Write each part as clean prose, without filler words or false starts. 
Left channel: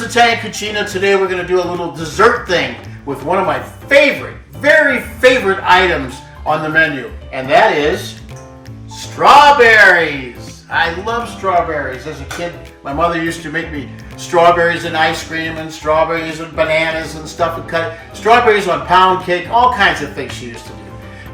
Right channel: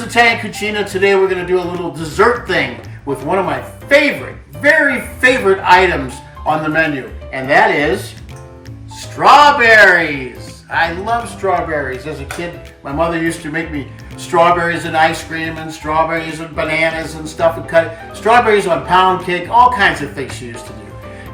Vito's Italian Cucina. Today we're going to do a little dessert thing with one of my favorite, very favorite items on the menu, and that is strawberries. I love strawberries. As a kid, my mother used to make me strawberries and ice cream and strawberries and bananas and stuff, and cut strawberries on pound cake, all kinds of things she used to do.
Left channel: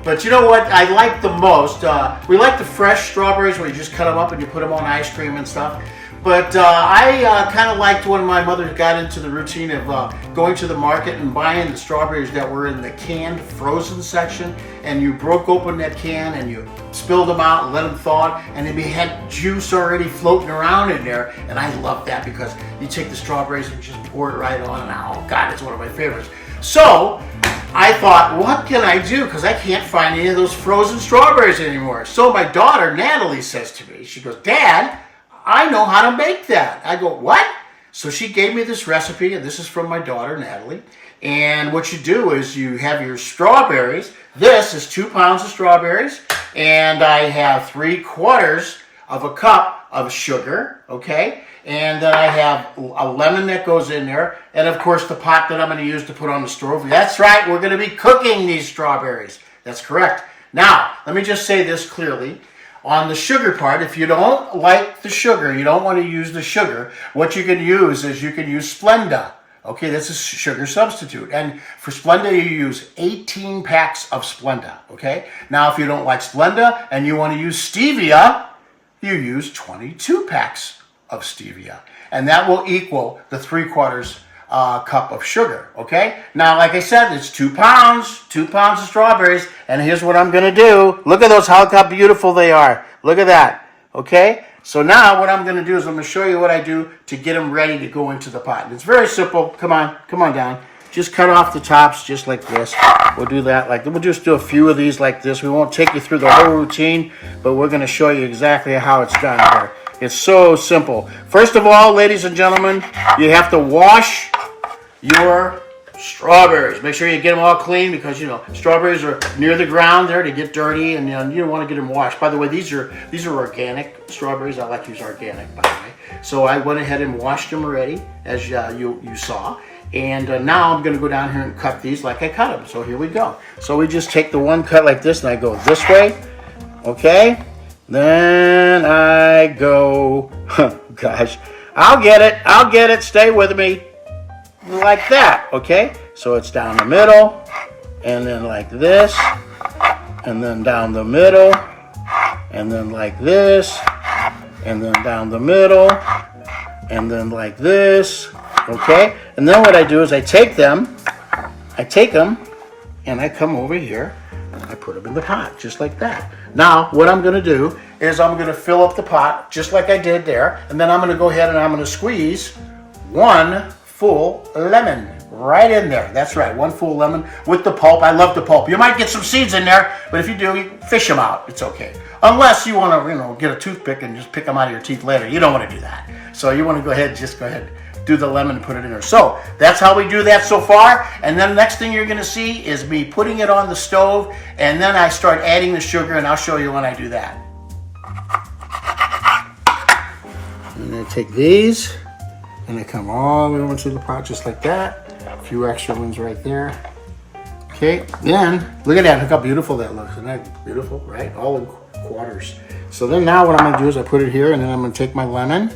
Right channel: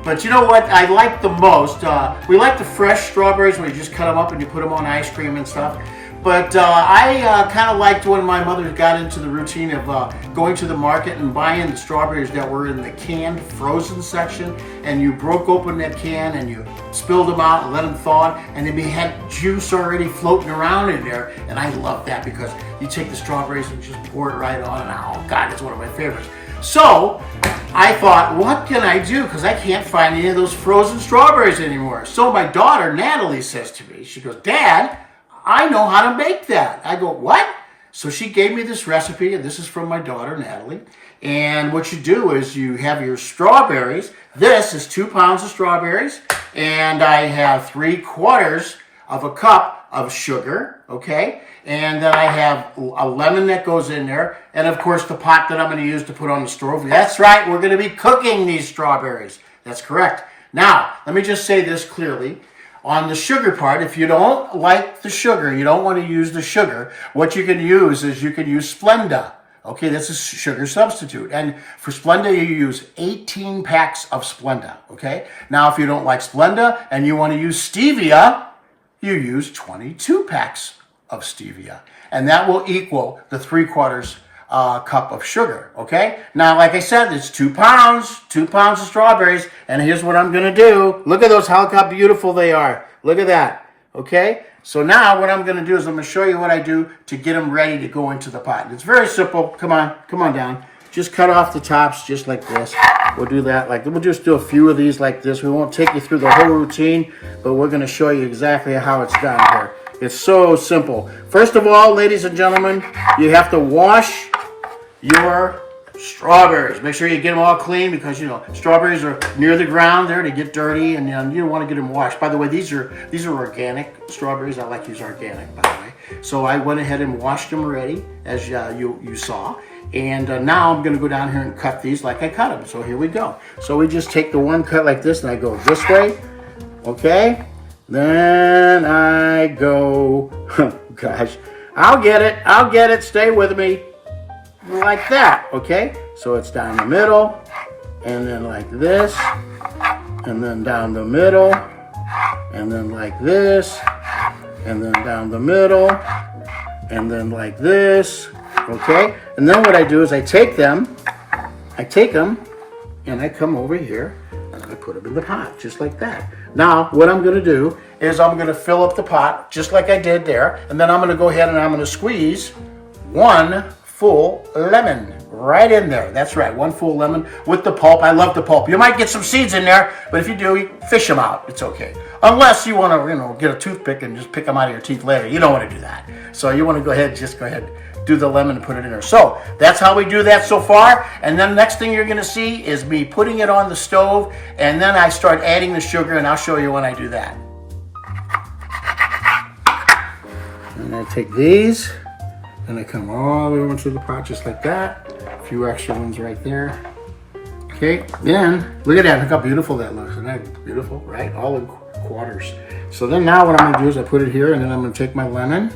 But you know what I like the most? We like the fresh strawberries where you just cut them up and you put them on ice cream and stuff. But I kind of liked when my mother got into the routine of going to the market and buying the strawberries that were in the canned frozen section, and you broke open that can and you spilled them out and let them thaw, and then you had juice already floating around in there. And I love that because you take the strawberries and just pour it right on, and oh God, it's one of my favorites. So I thought, what can I do? Because I can't find any of those frozen strawberries anymore. So my daughter, Natalie, says to me, she goes, "Dad, I know how to make that." I go, "What?" So she gave me this recipe, and this is from my daughter, Natalie. And what you do is you have your strawberries. This is 2 pounds of strawberries, and I have 3/4 of a cup of sugar, okay? And then I have a lemon that goes in there, and of course the pot that I'm going to use to put on the stove. That's right, we're going to be cooking these strawberries. That's correct. Now, let me just say this clearly. On the sugar part, if you don't like the sugar, you don't want to use the sugar, what you can use is you can use Splenda. Okay, that's a sugar substitute. And for Splenda, you use 18 packs of Splenda. Okay, now if you don't like Splenda and you want to use Stevia, you use 22 packs of Stevia. And that will equal the 3/4 cup of sugar, okay? Now, like I said, it's 2 pounds of strawberries, and here's what I'm gonna do. Look at those, how beautiful they are. Look at that, okay? So now what I'm gonna do is I'm gonna show you what I do to get them ready to go into the pot. And it's very simple. Come on down. Just cut off the tops just like this. We'll do that, we'll just do a few of these like this. We won't take you through the whole routine, but we're gonna show you exactly how it's done here. It's so simple. First of all, ladies and gentlemen, you have to wash your strawberries. Make sure you get them all clean because, you know, strawberries are near the ground there. They get dirty, and you don't want to get them washed. By the way, these are organic strawberries. I like to use organic, by the way. So I went ahead and washed them already, as you saw. And now I'm going to go down here and cut these like I cut them. So here we go. So we just take the one cut like this, and I go this way. Okay? Then I go, gosh, I'll get it, stay with me, like that, okay? So it's down the middle, and then like this, and then down the middle, and then like this, and then down the middle, and then like this, okay? And then what I do is I take them, and I come over here, and I put them in the pot, just like that. Now, what I'm going to do is I'm going to fill up the pot, just like I did there, and then I'm going to go ahead and I'm going to squeeze 1 full lemon right in there. That's right, 1 full lemon with the pulp. I love the pulp. You might get some seeds in there, but if you do, you fish them out. It's okay. Unless you want to, get a toothpick and just pick them out of your teeth later. You don't want to do that. So you want to go ahead, do the lemon and put it in there. So that's how we do that so far. And then the next thing you're going to see is me putting it on the stove, and then I start adding the sugar, and I'll show you when I do that. And I take these, and I come all the way into the pot just like that. A few extra ones right there. Okay, then look at that. Look how beautiful that looks. Isn't that beautiful, right? All in quarters. So then now what I'm going to do is I put it here, and then I'm going to take my lemon.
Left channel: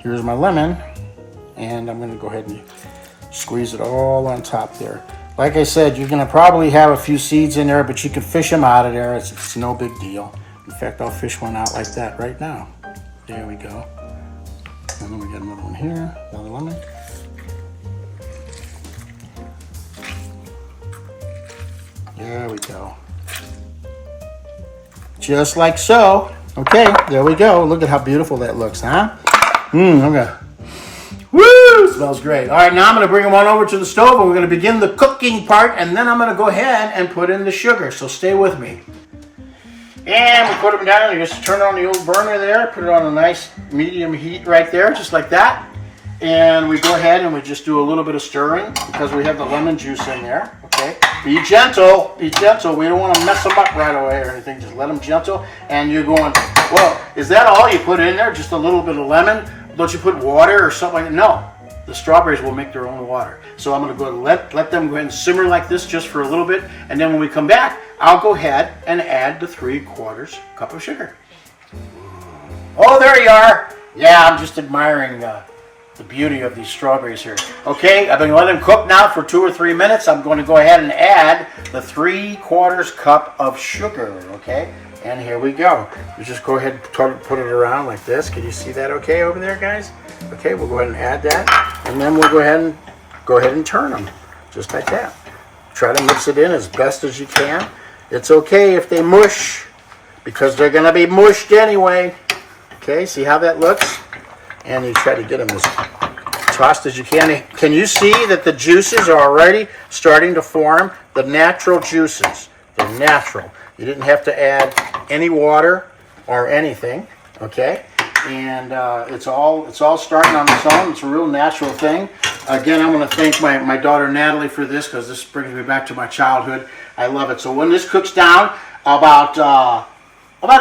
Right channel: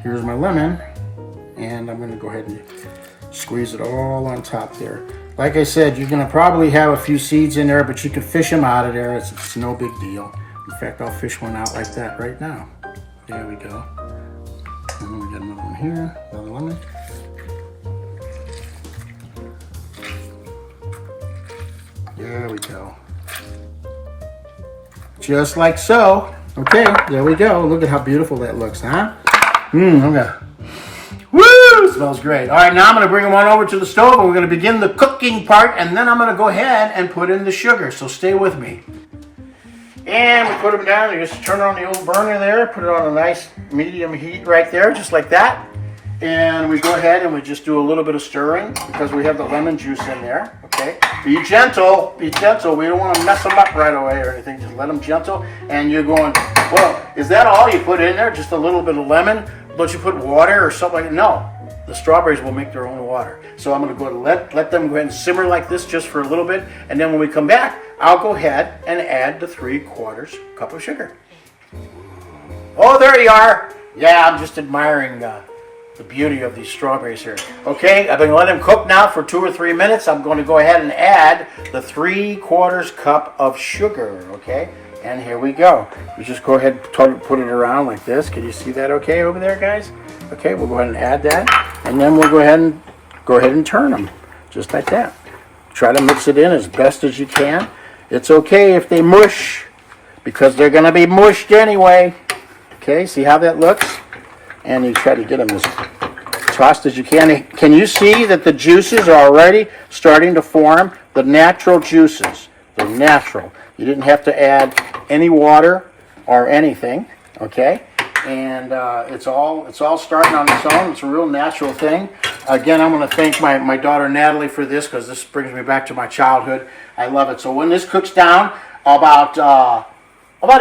Here's my lemon. And I'm going to go ahead and squeeze it all on top there. Like I said, you're going to probably have a few seeds in there, but you can fish them out of there. It's no big deal. In fact, I'll fish one out like that right now. There we go. And then we got another one here, another lemon. There we go. Just like so. Okay, there we go. Look at how beautiful that looks, huh? Okay. Woo! Smells great. All right, now I'm going to bring them on over to the stove, and we're going to begin the cooking part, and then I'm going to go ahead and put in the sugar, so stay with me. And we put them down, you just turn on the old burner there, put it on a nice medium heat right there, just like that. And we go ahead and we just do a little bit of stirring because we have the lemon juice in there, okay? Be gentle, we don't want to mess them up right away or anything, just let them gentle. And you're going, well, is that all you put in there, just a little bit of lemon? Don't you put water or something like that? No, the strawberries will make their own water. So I'm going to go and let them go ahead and simmer like this just for a little bit. And then when we come back, I'll go ahead and add the 3/4 cup of sugar. Oh, there you are. Yeah, I'm just admiring the beauty of these strawberries here. Okay, I've been letting them cook now for 2 or 3 minutes. I'm going to go ahead and add the 3/4 cup of sugar, okay? And here we go. You just go ahead and put it around like this. Can you see that okay over there, guys? Okay, we'll go ahead and add that. And then we'll go ahead and turn them, just like that. Try to mix it in as best as you can. It's okay if they mush, because they're going to be mushed anyway. Okay, see how that looks? And you try to get them as tossed as you can. Can you see that the juices are already starting to form? The natural juices. They're natural. You didn't have to add any water or anything, okay? And it's all starting on its own. It's a real natural thing. Again, I'm going to thank my daughter Natalie for this, because this brings me back to my childhood. I love it. So when this cooks down, about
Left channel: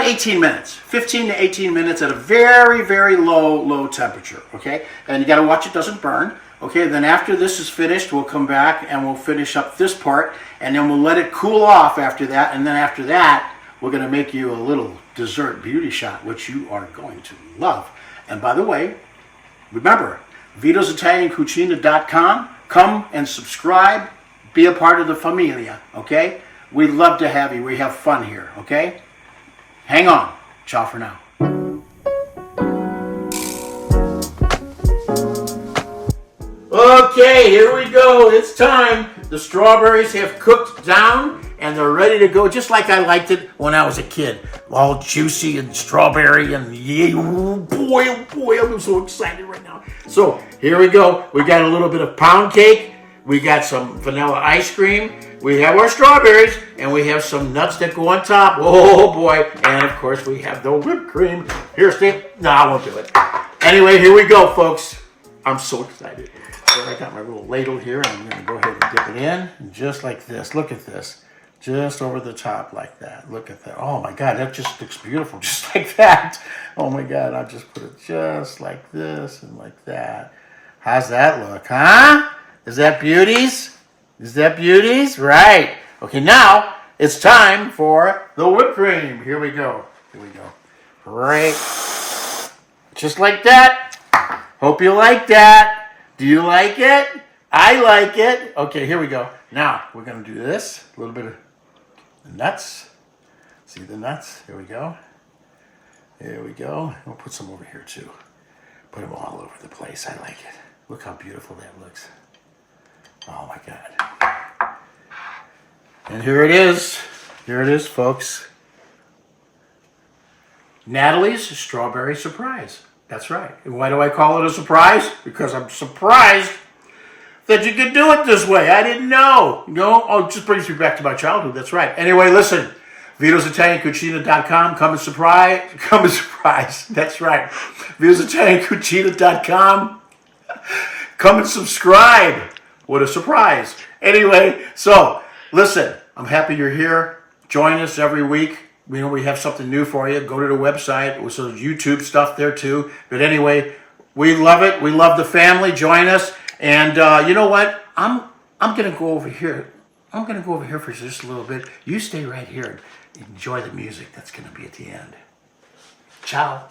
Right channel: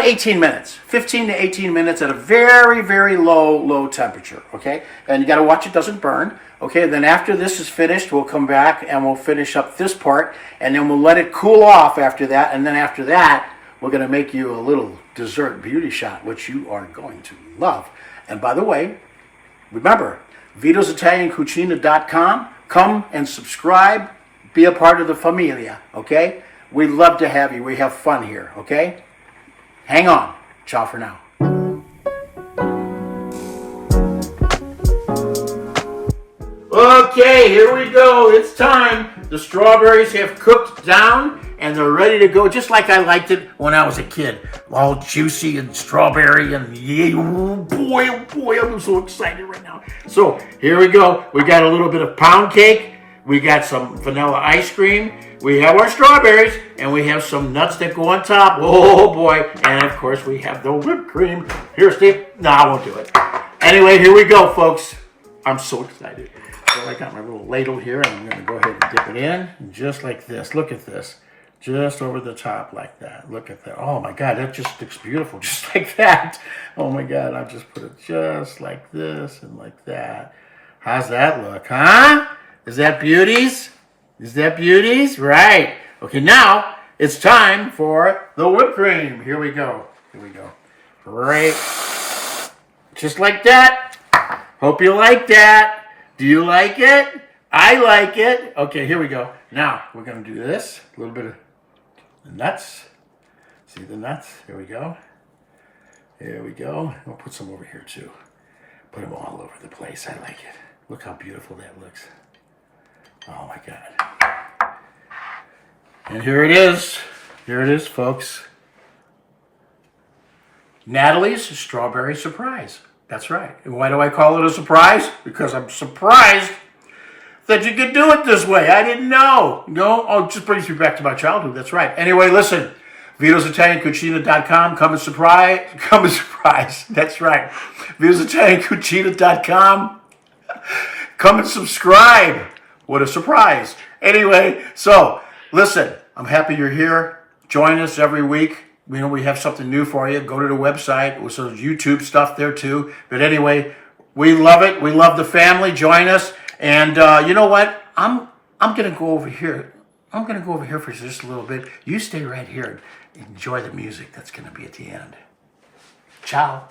18 minutes, 15 to 18 minutes at a very, very low temperature, okay? And you got to watch it doesn't burn, okay? Then after this is finished, we'll come back and we'll finish up this part, and then we'll let it cool off after that. And then after that, we're going to make you a little dessert beauty shot, which you are going to love. And by the way, remember, VitosItalianCucina.com. Come and subscribe. Be a part of the familia, okay? We'd love to have you. We have fun here, okay? Hang on. Ciao for now. Okay, here we go. It's time. The strawberries have cooked down and they're ready to go, just like I liked it when I was a kid. All juicy and strawberry and yay, oh boy, I'm so excited right now. So here we go. We got a little bit of pound cake. We got some vanilla ice cream. We have our strawberries, and we have some nuts that go on top. Oh boy. And of course we have the whipped cream. Here, Steve. No, I won't do it. Anyway, here we go, folks. I'm so excited. So I got my little ladle here, and I'm going to go ahead and dip it in, just like this. Look at this. Just over the top like that. Look at that. Oh my God, that just looks beautiful, just like that. Oh my God, I'll just put it just like this and like that. How's that look, huh? Is that beauties? Is that beauties? Right. Okay, now it's time for the whipped cream. Here we go. Here we go. Right. Just like that. Hope you like that. Do you like it? I like it. Okay, here we go. Now we're going to do this. A little bit of the nuts. See the nuts? Here we go. There we go. We'll put some over here too. Put them all over the place. I like it. Look how beautiful that looks. Oh my God. And here it is. Here it is, folks. Natalie's Strawberry Surprise. That's right. And why do I call it a surprise? Because I'm surprised that you could do it this way. I didn't know. No? Oh, it just brings me back to my childhood. That's right. Anyway, listen. VitosItalianCucina.com. Come and surprise. That's right. VitosItalianCucina.com. Come and subscribe. What a surprise. Anyway, so listen, I'm happy you're here. Join us every week. We know we have something new for you. Go to the website. There's some YouTube stuff there too. But anyway, we love it. We love the family. Join us. And you know what? I'm going to go over here. I'm going to go over here for just a little bit. You stay right here and enjoy the music that's going to be at the end. Ciao.